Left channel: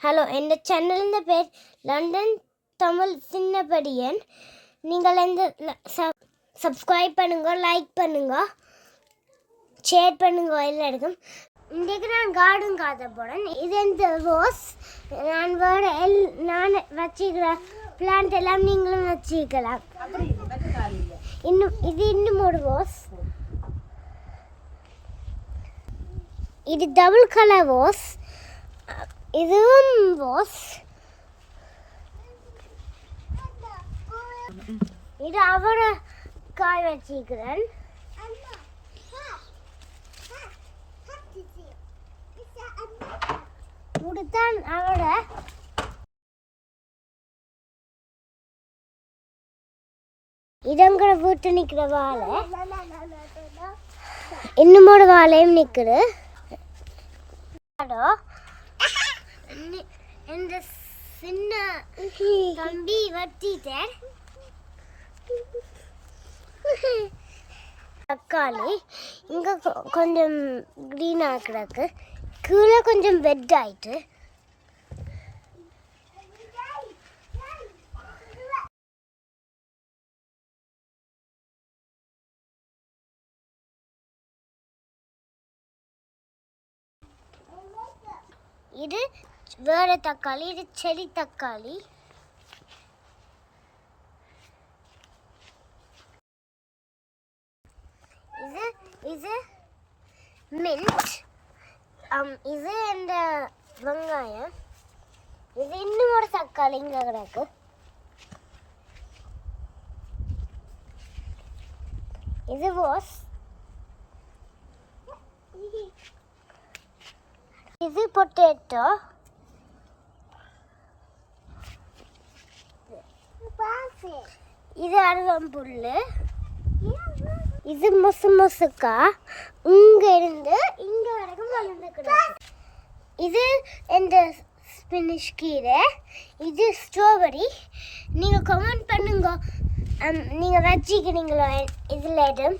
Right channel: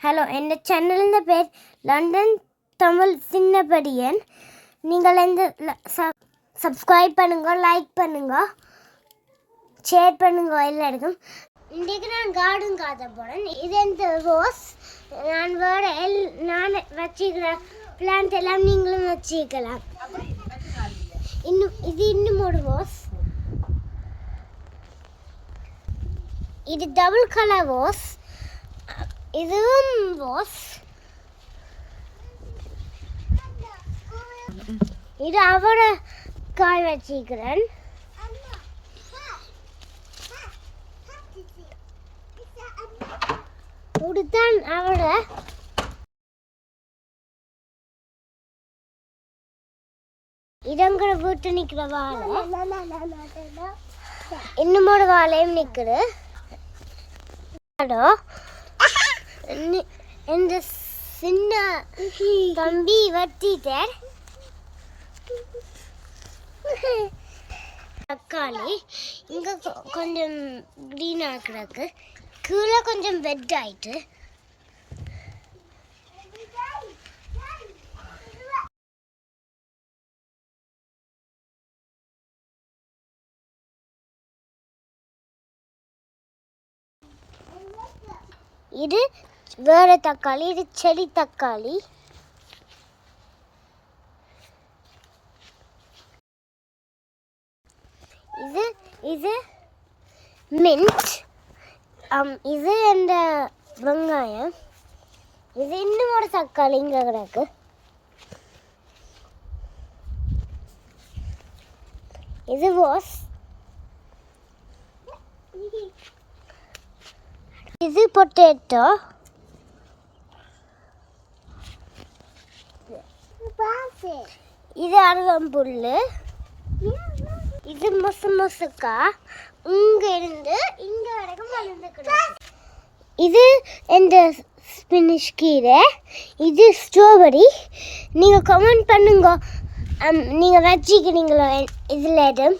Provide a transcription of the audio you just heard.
Hello என் சேனலின் பேர் London Tamil சின்னபடியன் நீங்கள் இந்த சப்ஸ்கிரைப் பண்ணுங்க லைக் பண்ணுங்க ஷேர் பண்ணுங்க எல்லாருக்கும். இன்றைக்கு நான் கார்டன் காத்த போகிறேன் இது இந்த ரோஸ் நான் வேறு எல் நான் வச்சுக்கிற பிளான்ட் எல்லாம் நீங்களும் வச்சுக்கலாம் இன்னும் இது இன்னும் ஒரு ரோஸ் இது டபுள் கலர் ரோஸ் இதுவும் ரோஸ் இது அவரை காய் வச்சிக்கிறேன். கொடுத்தான் அவரை இதங்கிற வீட்டு நிற்கிற வாழை. இன்னுமோட வாழையும் நிற்குது அடோ, இந்த சின்ன தம்பி வட்டிட்டார் தக்காளி இங்க கொ- கொஞ்சம் க்ரீன் கிடக்கு. கீழே கொஞ்சம் வெட் ஆயிட்டு. இது வேறு தக்காளி இது செடி தக்காளி. இது இது மின்ட் இது அந்த வெங்காயம். இது இன்னும் ஒரு தக்காளி இங்கே கிடக்கு. இது வாஸ். இது பொட்டேட்டோ. இது அருவம்புல் இது மொசு மொசுக்கா. இங்க இருந்து இங்க வரைக்கும் வளர்ந்து இது இந்த ஸ்பினிஷ் கீரை. இது ஸ்ட்ராபெரி நீங்கள் கமெண்ட் பண்ணுங்க. நீங்கள் வச்சுக்கிறீங்களோ இதில் இடம்